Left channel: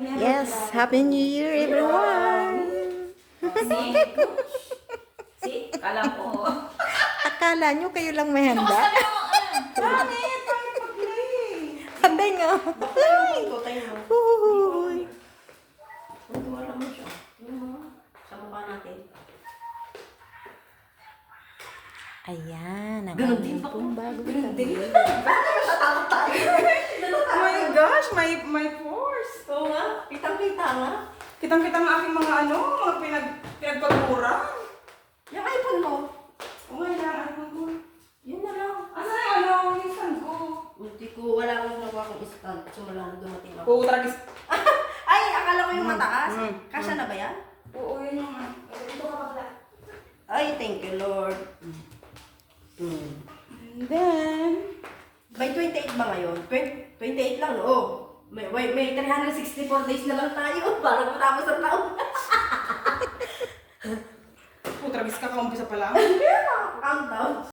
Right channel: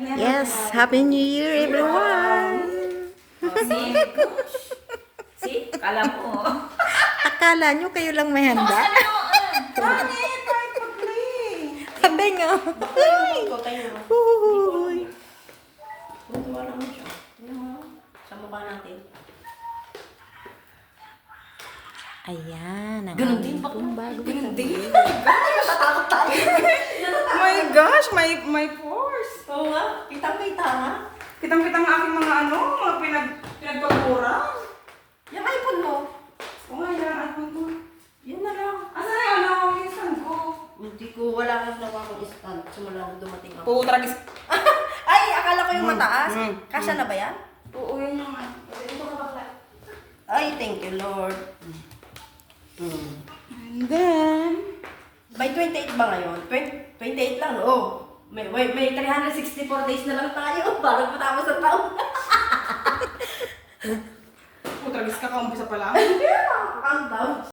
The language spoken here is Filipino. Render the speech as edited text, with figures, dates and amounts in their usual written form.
Yes, Happy New Year, everyone! See? Kala ko. Akala nyo kayo lang may handa? Handa nga. Uy! Wala mo siya. Sa mukha natin. Ayan, ang Ganun aming din pa. pong bagong Ganun tabi. din. Natatakot tayo. Oh my gosh, my pores. Oo nga. Kitang-kita nga. Kitang-kita ang aking mga mga pinagpapura. Yung iPhone mo. Oo nga, yung iPhone ko. Yun na lang. Asan yung yung stand ko? Hindi ko, wala kang nakuha kong stand. Sumulang dumating ako. Putragis. Ay, akala ko yung mataas. Kasya na ba yan? Oo, yun yung ito ka ba? Ay, thank you, Lord. And then, By 28 ba ngayon? 28 lang, no? Oh. May 364 days na lang tayo. Parang matapos ang taon. putragis ka, kaumpisa pa lang. Countdown.